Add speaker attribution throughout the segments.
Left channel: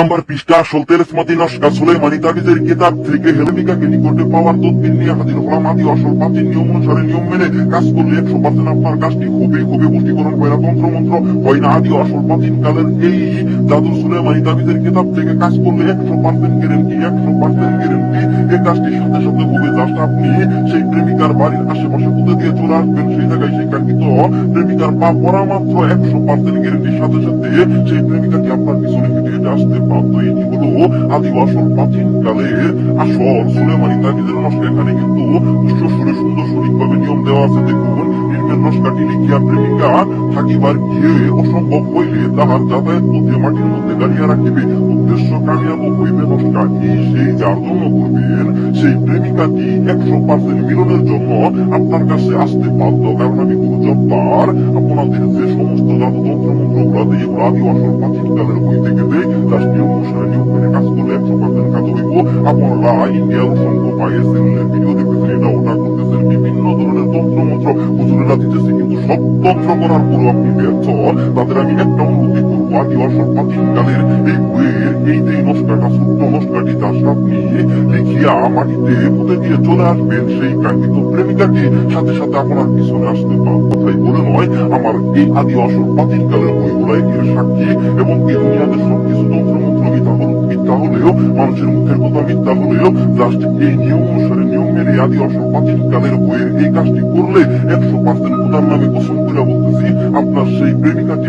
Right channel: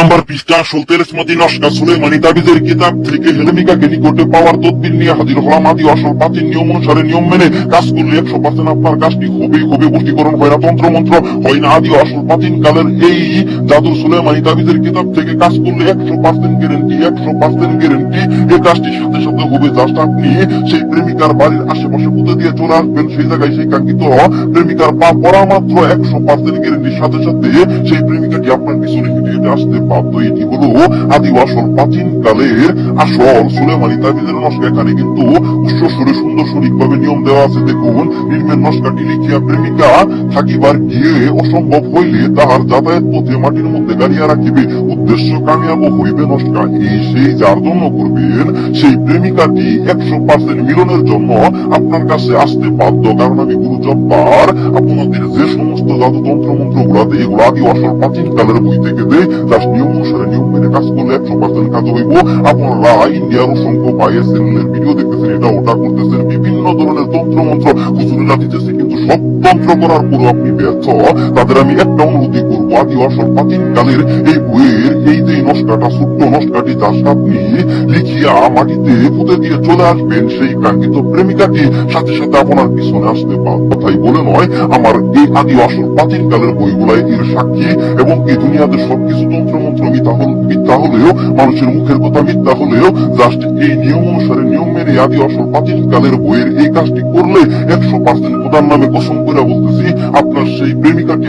Speaker 1: Number পৃষ্ঠা সলতেরেস মাতি নস্কা সুলেমানি তাবিজের কিতাব থেকে হেলেমিকাকে নিকটে পাওয়ার তদবির নিয়ে হাজির হলাম আদি আসল প্রাচীন নিয়ম অনুসারে নিয়ম মেনে। কাজ করলে একশো পার্সেন্ট আপনার কাজটি খুবই খুবই পুষ্টিকরণ হয় না তন্ত্র মন্ত্র। হয় না আদি আসল প্রাচীন কালের এই জাদু সুলেমানি তাবিজের কিতাব থেকে কাজ করলে একশো পার্সেন্ট গ্যারেন্টি একশো পার্সেন্ট গ্যারেন্টি এই কাজটির সাথে সাথে হবে জাস্ট আপনি সেই প্রেমিকার বাড়ির আশেপাশে পুঁতে দিয়ে চলে আসবেন। সেই জায়গায় সেই কাঙ্ক্ষিত প্রেমিকার পা পড়া মাত্র একশো পার্সেন্ট গ্যারেন্টির সাথে সাথে সেই প্রেমিকাটি আপনার আসতে বাধ্য এটি হলো আদি আসল প্রাচীন কালের আসল সুলেমানি তাবিজের নস্কা এখানে কিন্তু উচ্চ সুন্দর সঠিক ভাবে নিয়ম দেওয়া আছে। দেখুন নির্মের নস্কাটি লিখিয়া প্রেমিকা থাকিবার গিয়ে অসম্ভব হইলে তাহার যাতায়াত পথে মাটির মধ্যে গাড়িয়া রাখিবে। উদ্দেশ্য কামিয়াব হইবে নস্কা এই সেই যার জন্য করবেন সেই প্রেমিকাটি একশো পার্সেন্ট মিলনের জন্য আপনার কাছে আসতে বাধ্য। কারণ আমি জব্বার আপনাদের যে সমস্ত জাদুতন্ত্র মন্ত্র গুলাতে এগুলো আদি আসল প্রাচীন কালের বই থেকে দেয় তার নিয়ম অনুসারে নিয়ম মেনে কাজ করলে একশো পার্সেন্ট কাজ হইব। আপনারা ইন্ডিয়ার অসংখ্য পায়ে সেলের ভিডিও দেখতেছেন এটা ওটা করতেছেন। বিভিন্ন ধরনের তন্ত্র মন্ত্র, হুজুরেরা দিতেছে কিন্তু সব তন্ত্র করার পরও আপনি ব্যর্থ। তাদের আমি একটা অনুরোধই করব আদি আসল প্রাচীন কালের এই বইয়ের এই যার আপনি লিখিয়া মাটিতে পুঁতে দিয়ে চলে আসবেন, সেই কাঙ্ক্ষিত প্রেমিকাটি সাথে সাথে আপনার পিছনে আসতে পারেন কথাই বলে নয়, আমার এই আদি আসল প্রাচীন কালের বইগুলাই এর সাক্ষী, এবং এই দুনিয়াতে সবকিছু তন্ত্র এই নিয়ম অনুসারে, নিয়ম মেনে আদি আসল প্রাচীন কালের বইয়ের এই কাজটি করলে একশো পার্সেন্ট নামে কসম আপনার সেই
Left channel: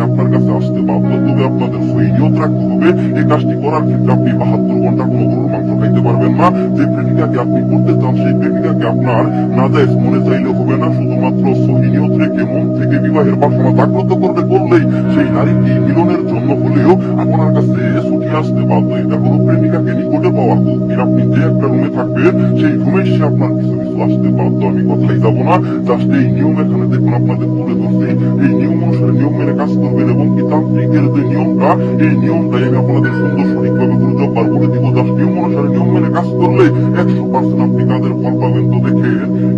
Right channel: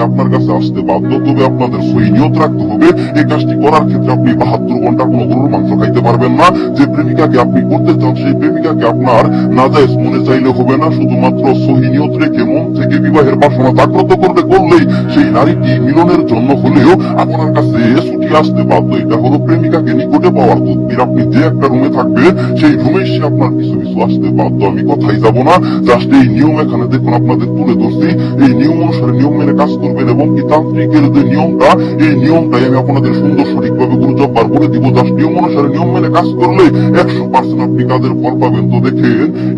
Speaker 1: আপনার কাছে আসতে বাধ্য তবে আপনাদের সই রাখতে হবে। এই কাজটি করার ক্ষেত্রে আপনি বাহাত্তর ঘণ্টা কোনো গরুর মাংস খাইতে পারবেন না। যে প্রেমিকাকে আপনি করতে চান, সেই প্রেমিকাকে আপনার নাজাইজ মনে চাইলে হবে না। শুধুমাত্র সহি নিয়ত রেখে মন থেকে বিবাহের বাসনা জাগ্রত করতে করলেই সেই নারীটি মিলনের জন্য হলেও আপনার কাছে ছুটি আসতে বাধ্য। এটা হলো প্রেমিকাকে নিকটে পাওয়ার তদবির। আপনি যে একটা রুমে থাকবেন সেই রুমে সে আপনার কিছু কিছু আসতে বাধ্য। আমি কথাই যাব না। জাস্ট এই নিয়ম এখানে দেখুন, আপনাদের তুলে ধরছি। এই নিয়ম অনুসারে নিয়ম মেনে কাজ করবেন এবং কি তান্ত্রিকের যে নিয়মটা, এই নিয়মটাই আমি আপনাদের সুন্দর সঠিকভাবে গুরুত্ববার বলে দিব। জাস্ট নিয়ম অনুসারে নিয়ম মেনে কাজ করলে একশো পার্সেন্ট আপনি কাজের ফল পাবেন তো দেখে।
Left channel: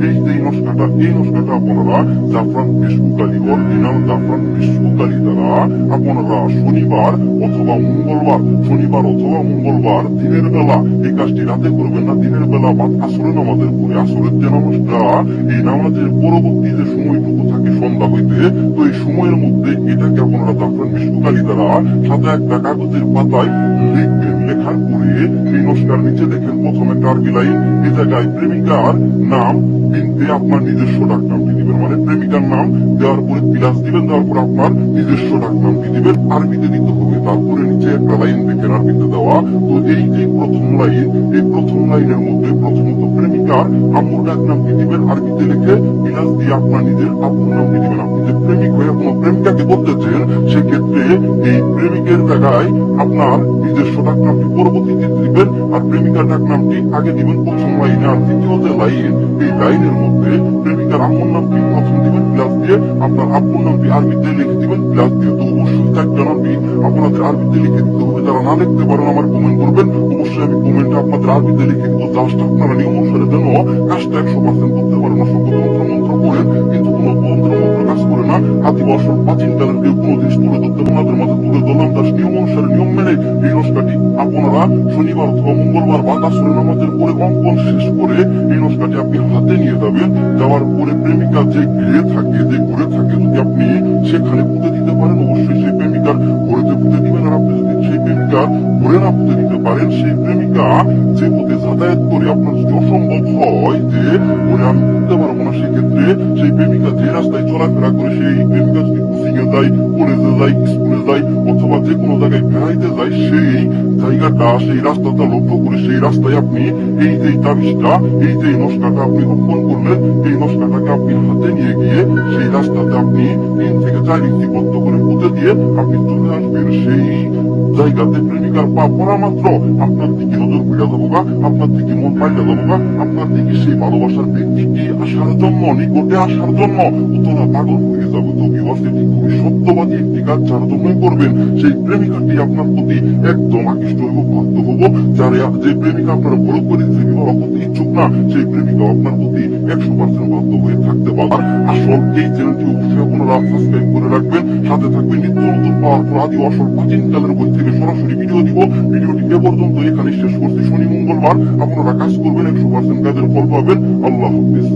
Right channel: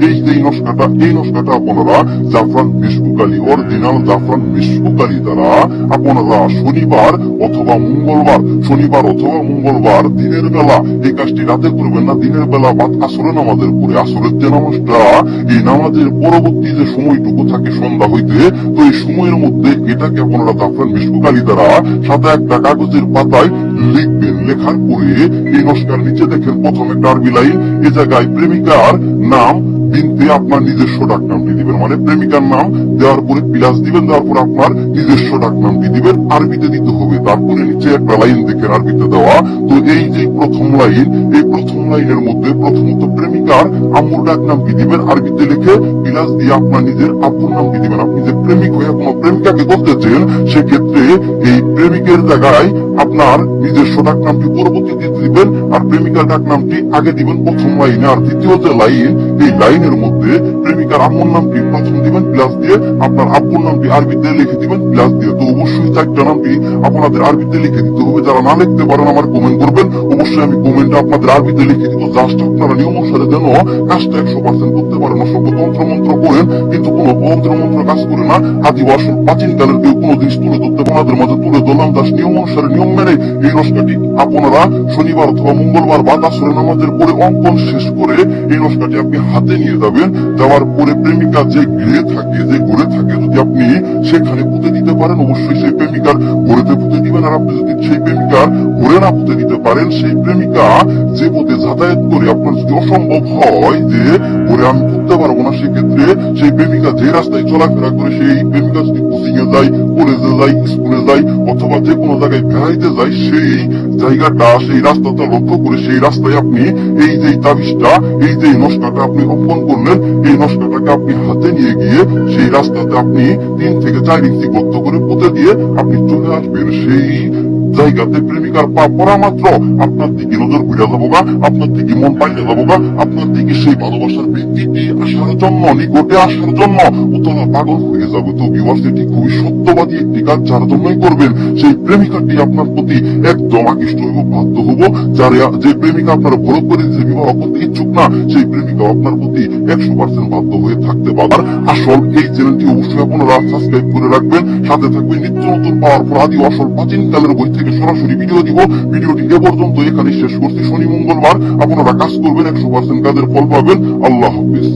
Speaker 1: এই যে নস্কাটা এই নস্কাটা আপনারা, জাফরান বিষ্ণুকালী অরিজিনাল জাফরান বিষ্ণুকালী দ্বারা আপনারা শনিবার অথবা মঙ্গলবার, শনিবার অথবা মঙ্গলবার দিনের বেলা, এই কাজটি রাতে করবেন না, দিনের বেলা বা আসরে নামাজের পরে আসরের যে নামাজটা, এই নামাজের পরবর্তী যে সময়টুকু থাকে সন্ধ্যা হইতে, তো এই সময়ের মধ্যে এটাকে আপনারা জাফরান বিষ্ণুকালী দ্বারা সাদা একটা কাগজের পাতায় লিখবেন, লেখার পরে এই নস্কার নিচে দেখেন প্রথমে টার্মি লাইন এ জায়গায় প্রেমিকার নাম বিনতে আপনার নিজস্ব ডাক নামটি দিবেন। মানে প্রেমিকার নাম দেওয়ার পরে প্লাস দিবেন, দেওয়ার পর আপনার নিজস্ব ডাক নামটি দিবেন। আরবিতে দিতে হবে তারপরে নিচে একটা লাইন দেখেন আরবিতে দেওয়া। তো এই যে প্রথম লাইন, এই প্রথম লাইনের মধ্যে প্রথমত প্রেমিকার আম্মুর ডাক নামটি দিবেন। আরবিতে লিখে প্লাস দিয়ে আপনার নিজের আব্বুর নামটি দিবেন। আপনি যে প্রেমিক হয়ে কোনো প্রেমিকাকে বলতেছেন, সেক্ষেত্রে এই প্রেমিকের জায়গায় আপনার নিজস্ব ডাক নামটি দিবেন আর প্রেমিকার ডাক নামটি আগে দিবেন প্রথম লাইনে, আর দ্বিতীয় যে লাইন, এই লাইনের মধ্যে প্রেমিকার আম্মুর নামটি প্রথম দিবেন প্লাস দিয়ে আপনার আব্বুর নামটি আরবিতে লিখে দিবেন প্লাস দিয়ে তো অবশ্যই চারটা নামটি আপনাদের আরবিতে লিখে দিতে হবে, যারা না লিখতে পারেন আমার কমেন্ট করবেন। অবশ্যই আমি কমেন্টে আপনাদের আরবিতে লিখে দিব জাস্ট আপনারা নিয়ম অনুসারে যেন কাজটা একশো পার্সেন্ট করতে পারেন অসংখ্য তন্ত্র মন্ত্র করেন, কিন্তু কোনো তন্ত্র মন্ত্র কাজ করে না। আদিবাসী প্রাচীন কালের কেউ কোনো জিনিস তুলে ধরতে আপনাদের মাঝে তুলে ধরলাম তার নিয়ম অনুসারে নিয়ম মেনে এই নস্কাটি আপনারা শনিবার অথবা মঙ্গলবার বা তাসরে নামাজের পরে অঙ্কন শেষ করে এই নস্কাটি আপনি হাতে নিয়ে যাবেন, যাওয়ার পরে প্রেমিকা যে গৃহে থাকে, যে ঘরে থাকে যদি আপনি সেখানে পুঁতে দিতে পারেন, অবশ্যই সেই প্রেমিকার ঘরেতে পুঁতে দিবেন। আর আপনি যদি সেই প্রেমিকার ঘরে না পুঁতে দিতে পারেন, সেই প্রেমিকা যে পথে যাতায়াত করে আপনার যদি অসম্ভব হয় যে ঘরে আমি করতে পারব না, সেক্ষেত্রে সেই প্রেমিকা যে রাস্তায় চলাফেরা করে, সেই প্রেমিকা যদি এ যায় কলেজে যায় স্কুলে যায় অথবা যে কোনো জায়গায় বেড়াইতে যায় সেই জায়গাটা, সেই রাস্তাটা লক্ষ্য করে সেই রাস্তায় আপনি এই যে তাবিজটা, এই যে নস্কাটা আপনি অঙ্কন করলেন, এই নস্কাটাকে আপনি হাতে নিয়ে গিয়ে সেই রাস্তাতে আপনি তিন থেকে চার ইঞ্চি গর্ত করে পুঁতে দিয়ে আপনি চলে আসবেন। সেই জায়গাতে প্রেমিকার পা পড়া মাত্র। আপনার দিকে নজর ঘুরে যাব গা, আপনার দিকে মন পাইলে যাব গা, আপনার দিকে সেই ভালোবাসার ব্যক্তিটি আসার জন্য, নিকটে আসার জন্য, উতলা পাগল হয়ে যাবে তো এটি খুবই সত্যবাদী একটি কাজ যার জন্যই করবেন, সেই প্রেমিকাটি আপনার প্রতি একদম আকৃষ্ট হইব বাধ্য হব। যার যে প্রেমিকা আপনার বড় করে যে বিবাহ করতে ইচ্ছুক না, সেই প্রেমিকা আপনার প্রতি একশো পার্সেন্ট বাধ্য হয়ে থাকতে পারে আর আসল এই চ্যানেলটি অবশ্যই আপনারা সাবস্ক্রাইব করে রাখবেন। সাথে থাকবে নিত্য নতুন পাওয়ার পর আদি প্রাচীন কালের বই থেকে সরাসরি ভিডিও দিব। ভিডিওটি এ পর্যন্ত এখানে শেষ করছি। শনি মঙ্গলবার আপনারা কাজ করবেন, একশো পার্সেন্ট কাজের ফল পাবেন। আল্লাহ হাফিজ।